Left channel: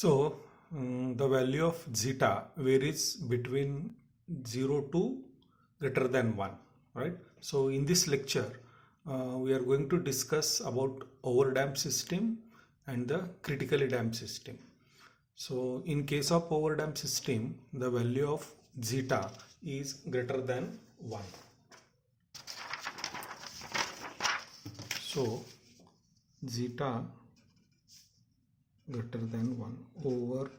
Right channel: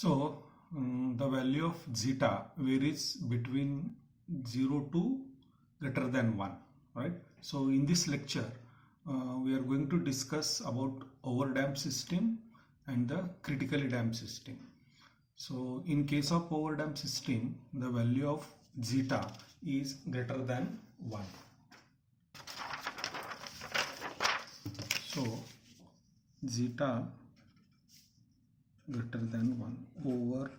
The value of zeta varies between 0 to greater than 1, right? So in this lecture, we are going to discuss about overdamped system and the critically damped system. So in case of overdamped system, the value of zeta is greater than 1. So zeta greater than 1 over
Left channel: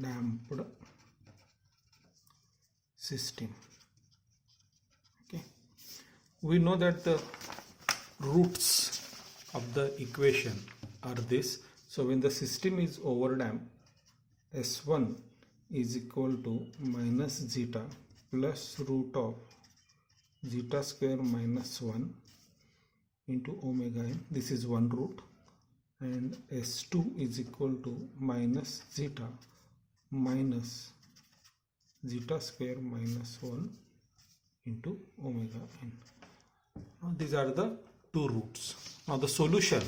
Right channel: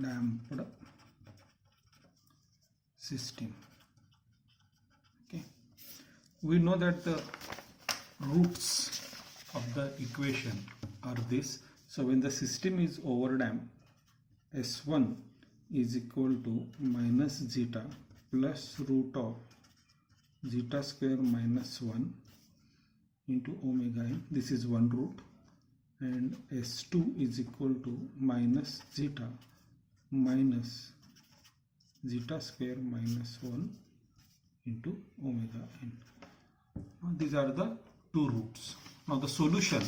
damped system. Okay, we know that the roots of the equation are this. So when the system is overdamped, S1 is equal to minus zeta plus root of zeta square minus 1 into omega n. This is one root. And S2 is equal to minus zeta minus zeta square minus 1 into omega n. Now these are the two roots. Now the solution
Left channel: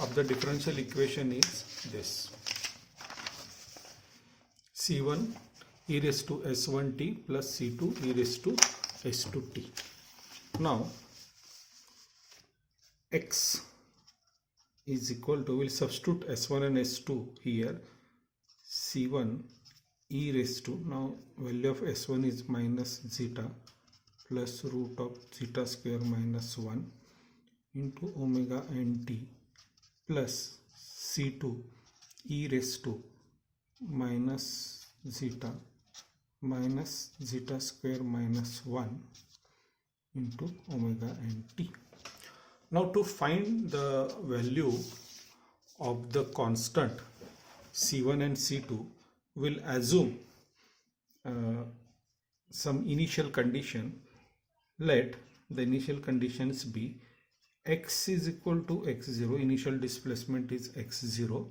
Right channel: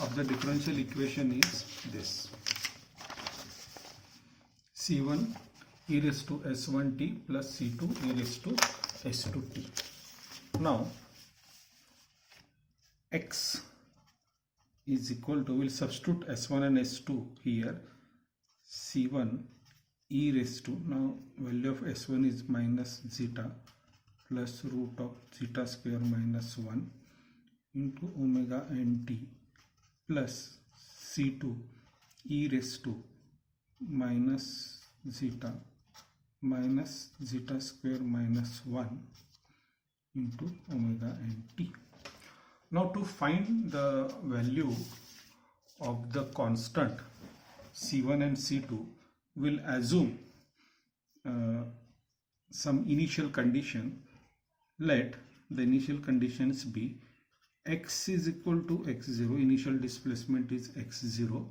of the differential equation is this: C1 e raised to S1t plus C2 e raised to S2t. Now x is equal to, we'll substitute S1 and S2 here. C1 e raised to, now value of S1 is minus zeta plus root of zeta square minus 1 into omega nt plus C2 e raised to minus zeta square minus 1 into omega nt. Now to find the value of the constant C1 and C2, we'll assume some initial condition. Let the initial conditions be x is equal to x0, initial displacement is x0,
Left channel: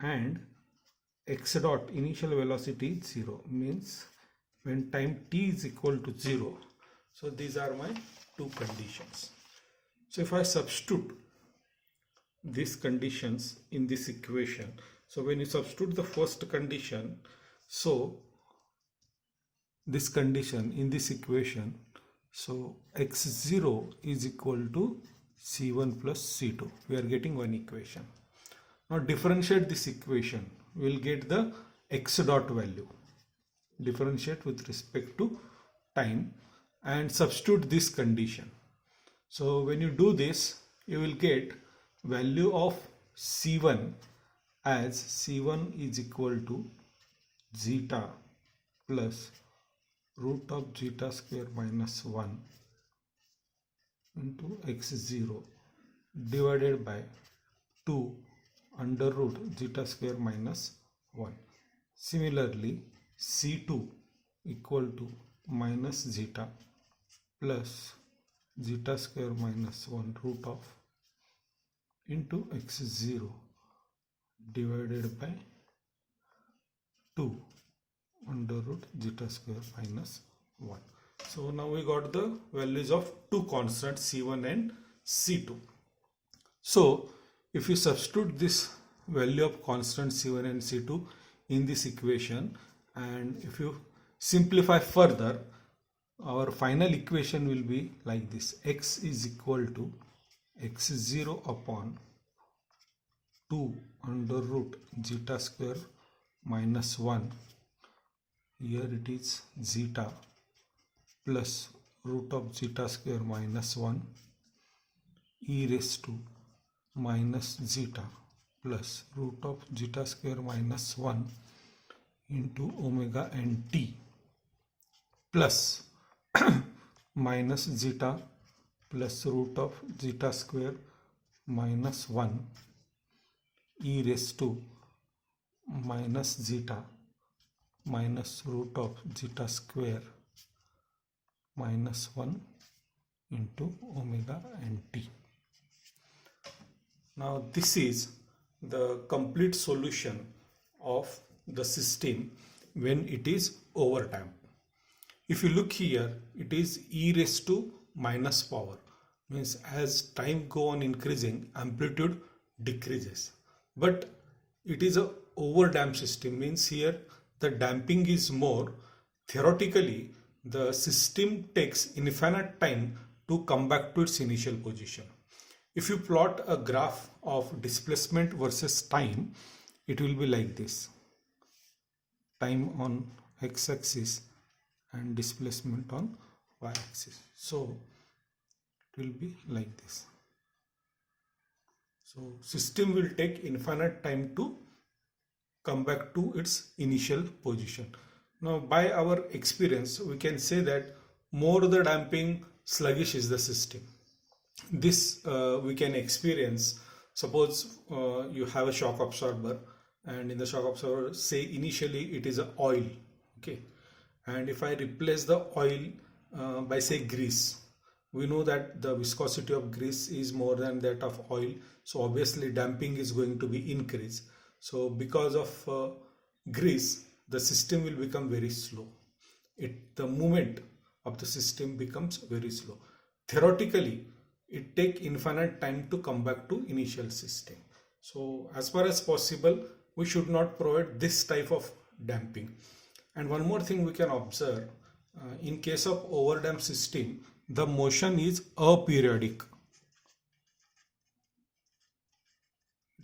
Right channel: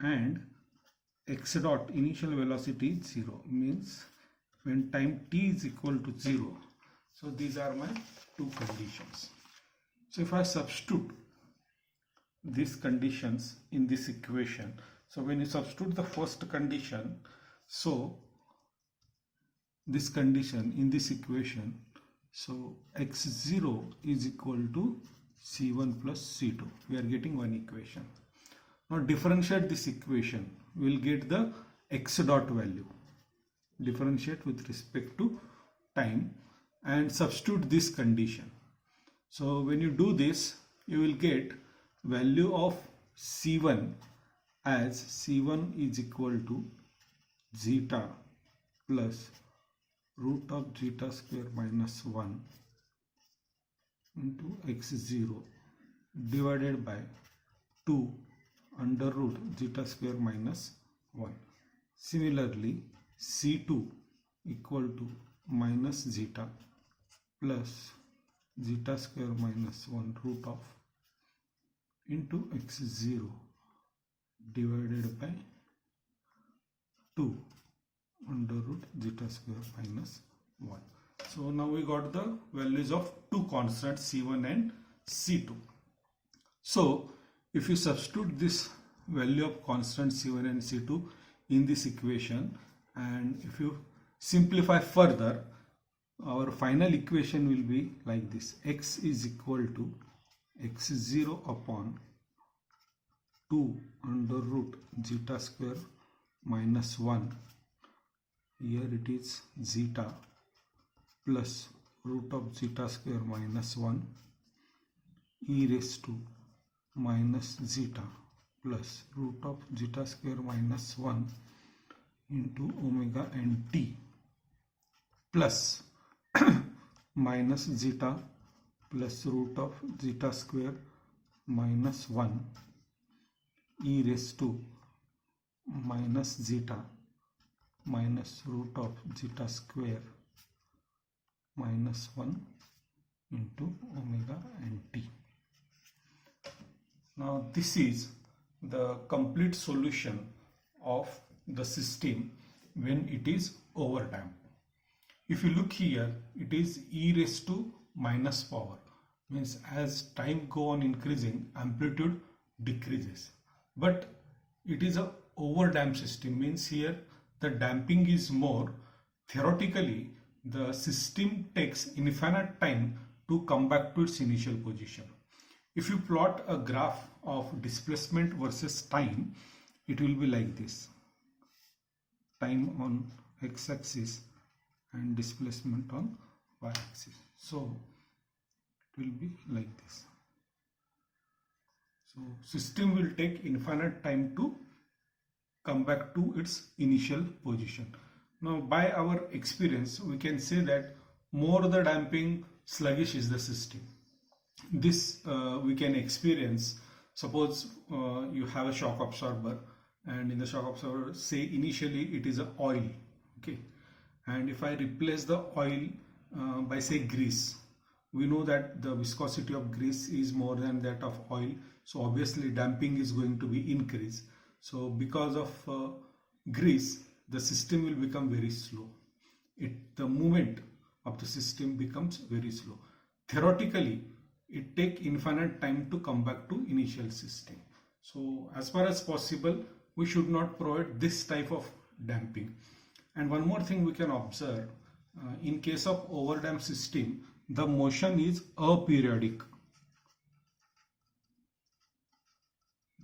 and x dot initial velocity is 0, means when time t is equal to 0. So these are my two conditions. So if I substitute these conditions in this equation, so when you substitute the first condition, so this condition in this equation, so x0 is equal to C1 plus C2. We are getting one equation. Now differentiate this equation. We will get the x dot value. Differentiate with respect to time and substitute this condition. So when you do this, you will get value of C1 as C1 is equal to zeta plus root of zeta square minus 1 into x0 divided by 2 under root zeta square minus 1. Similarly, C2 equal to minus zeta plus zeta square minus 1 root of into x0 divided by 2 under root zeta square minus 1. So now we got the values of two constants C1 and C2. So if you substitute this value of constant C1 and C2 in this equation, and if you simplify further, our final equation will be like this: x is equal to x0 upon 2 under root zeta square minus 1, here it is zeta plus root of zeta square minus 1 e raised to minus zeta plus root of zeta square minus 1 into omega nt plus minus zeta plus root of zeta square minus 1 e raised to minus zeta minus root of zeta square minus 1 into omega nt. Now this is the complete solution of the system when it is overdamped. If you look here, it is e raised to minus power, means as time go on increasing, amplitude decreases. But it is a over damped system, means here the damping is more. Theoretically, the system takes infinite time to come back to its initial position. If you plot a graph of displacement versus time, it will be like this: time on x-axis and displacement on y-axis. So it will be like this. So system will take infinite time to come back to its initial position. Now by our experience, we can say that more the damping, sluggish is the system. This we can experience. Suppose you have a shock absorber, and in the shock absorber, say initially it is a oil, okay, and if I replace the oil by say grease, we know that the viscosity of grease is more than that of oil, so obviously damping is going to be increased. So because of grease, the system will become very slow. The movement of the system becomes very slow. Theoretically, it take infinite time to come back to initial system. So as far as possible, we should not provide this type of damping. And one more thing we can observe, in case of overdamped system, the motion is aperiodic.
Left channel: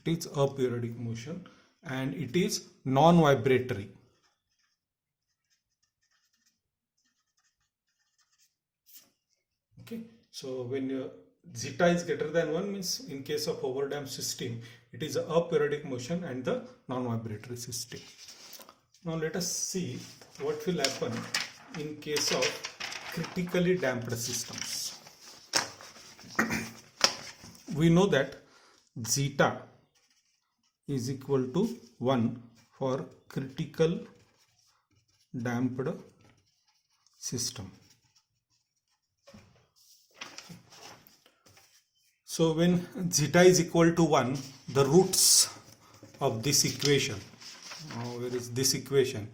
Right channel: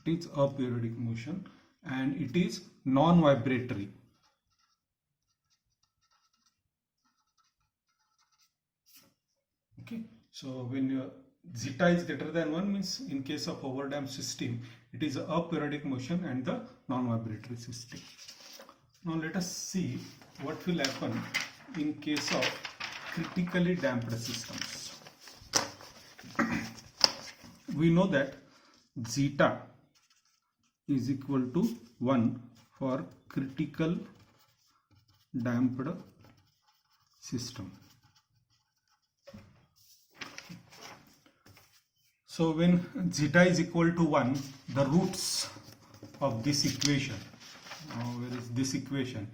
It is aperiodic motion and it is non-vibratory. Okay, so when zeta is greater than 1, means in case of overdamped system, it is a aperiodic motion and the non-vibratory system. Now let us see what will happen in case of critically damped systems. We know that zeta is equal to 1 for critical damped system. So when zeta is equal to 1, the roots of this equation, where is this equation,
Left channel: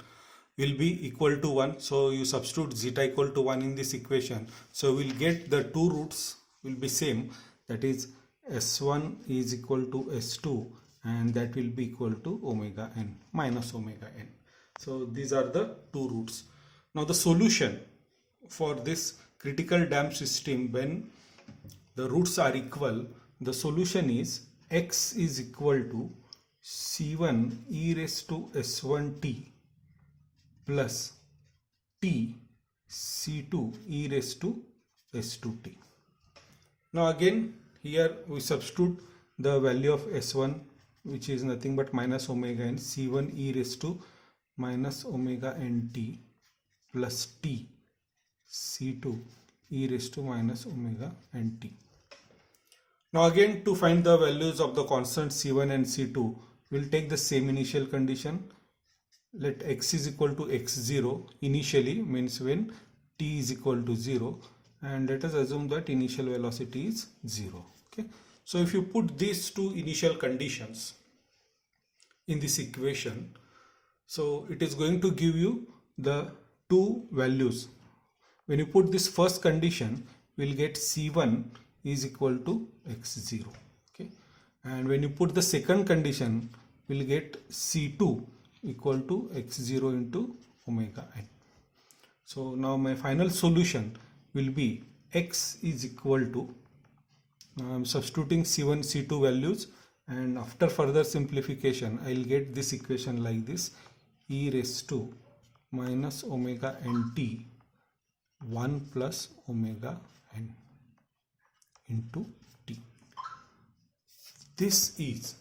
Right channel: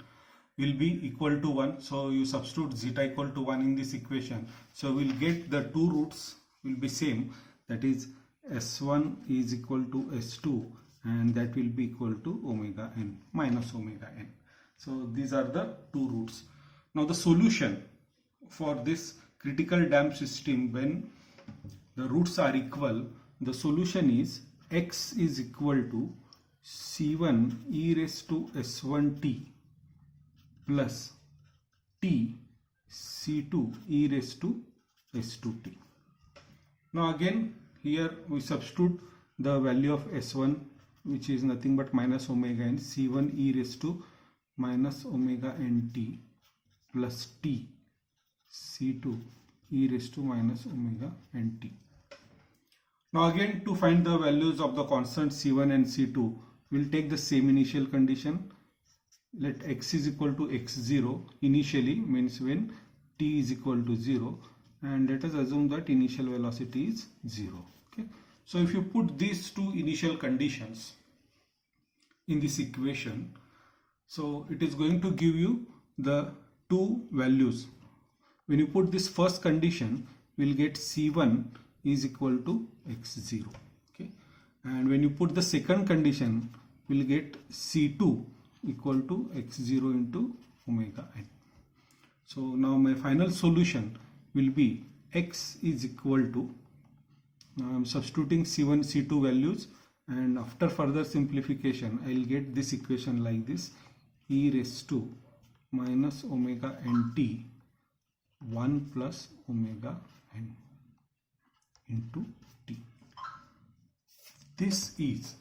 will be equal to 1. So you substitute zeta equal to 1 in this equation. So we'll get the two roots will be same, that is S1 is equal to S2 and that will be equal to omega n minus omega n. So these are the two roots. Now the solution for this critical damped system, when the roots are equal, the solution is x is equal to c1 e raised to s1t plus t c2 e raised to s2t. Now again here we substitute the value of s1, which is nothing but minus omega n, c1 e raised to minus omega nt plus t c2 e raised to minus omega nt. Now again, to find the values of the constant c1 and c2, we'll take the same initial condition. Let x is equal to x0 initially, means when t is equal to 0, and let us assume that initial velocity is 0. Okay, so if you put these two initial conditions in this equation, so it is going to give you the two values. When you put this first condition, we'll get c1 is equal to x0. Okay, and when you put the second condition, we'll get c2 equal to x0 into omega n. So now my final solution will be x is equal to, now I am substituting c1 c2 values, and after further simplification I will get this equation like this: e raised to minus omega nt 1 plus omega n into t. This is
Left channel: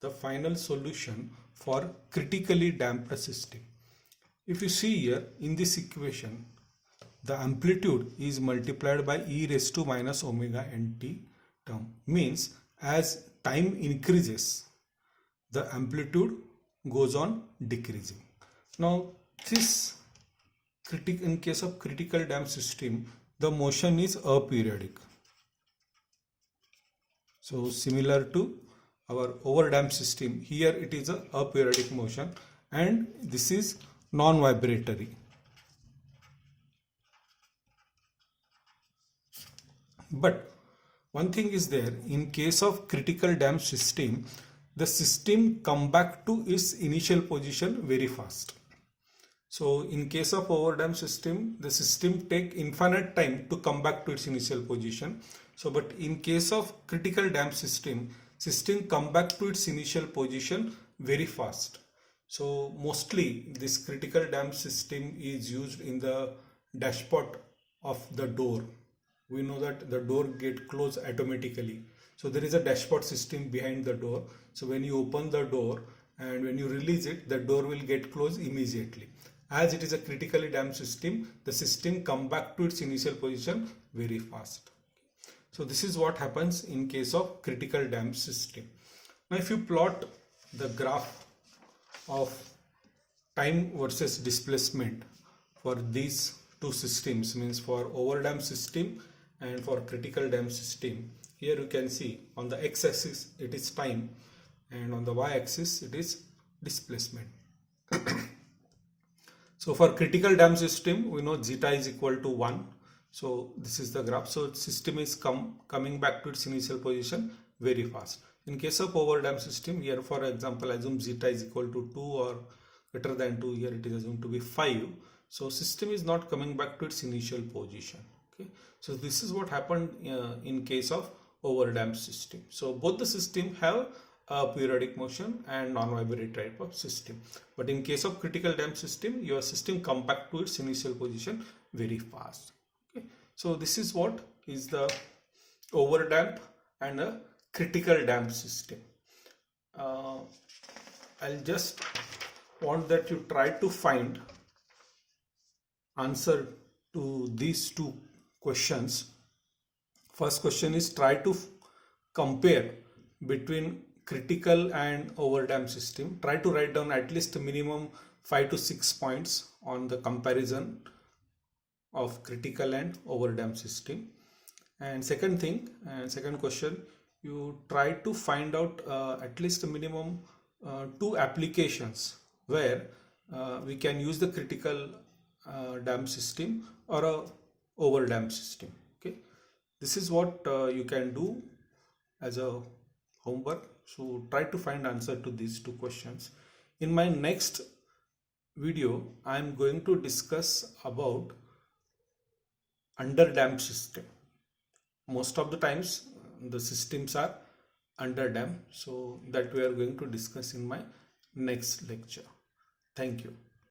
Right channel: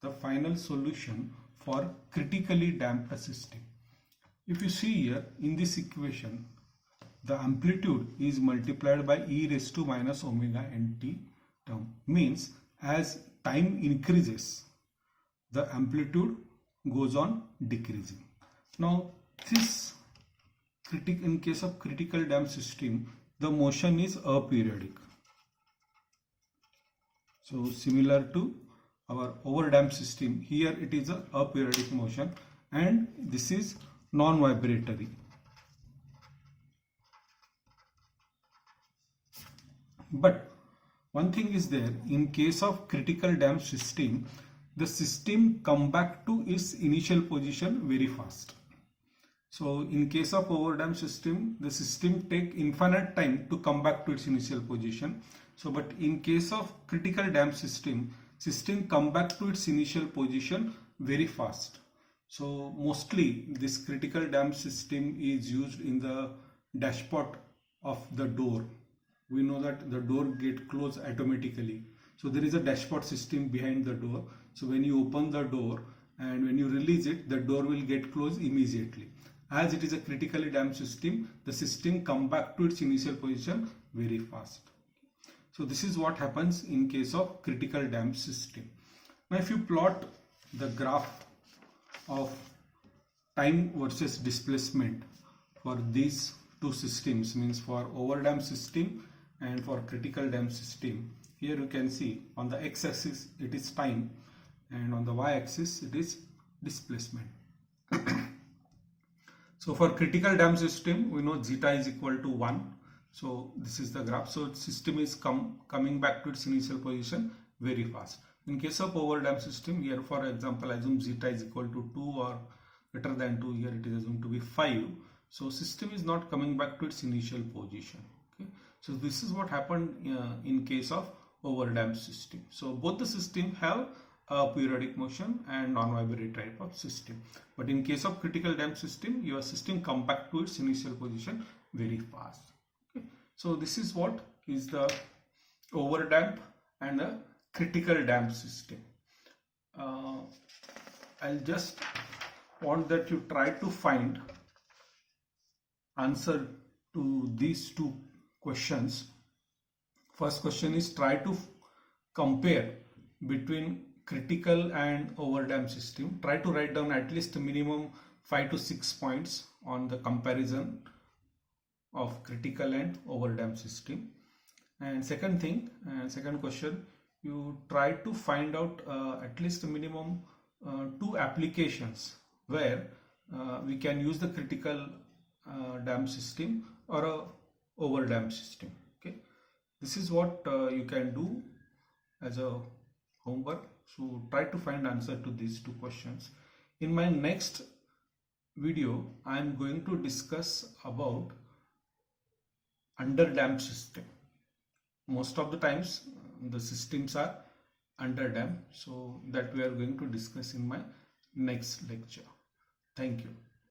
the final solution for critically damped system. If you see here in this equation, the amplitude is multiplied by e raised to minus omega nt term, means as time increases, the amplitude goes on decreasing. Now this in case of critical damped system, the motion is aperiodic. So similar to our overdamped system, here it is a aperiodic motion and this is non-vibratory. But one thing is there, in case of critical damped system, the system come back to its initial position very fast. So in case of overdam system, the system take infinite time to come back to its initial position. So but in case of critical dam system, system come back to its initial position very fast. So mostly this critical dam system is used in the dashpot of the door. We know that the door get closed automatically. So there is a dashpot system behind the door. So when you open the door and when you release it, the door will get closed immediately. As it is a critically damped system, the system come back to its initial position very fast. So this is what happens in case of critical damped system. Now if you plot the graph of time versus displacement for these two systems, means for overdam system and for critical dam system, here you can see on the x-axis it is time and on the y-axis it is displacement. So for critical dam system, we know zeta is equal to 1. So this is the graph. So system is coming back to its initial position very fast. In case of overdam system, here for example, assume zeta is equal to 2 or greater than 2. Here it is assumed to be 5. So system is not coming back to its initial position. Okay. So this is what happened in case of overdam system. So both the system have a periodic motion and non-vibratory type of system, but in case of critical dam system, your system come back to its initial position very fast. Okay. So this is what is the overdamp and a critical dam system. I'll just want that you try to find answer to these two questions. First question is, try to compare between critical and overdam system. Try to write down at least minimum 5 to 6 points on the comparison of critical and overdam system. And second thing, second question, you try to find out at least minimum 2 applications where we can use the critical dam system or a overdam system. Okay, this is what you can do as a homework. So try to find answer to these two questions. In my next video, I am going to discuss about underdamped system. Most of the times the systems are underdamped, so that we are going to discuss in my next lecture. Thank you.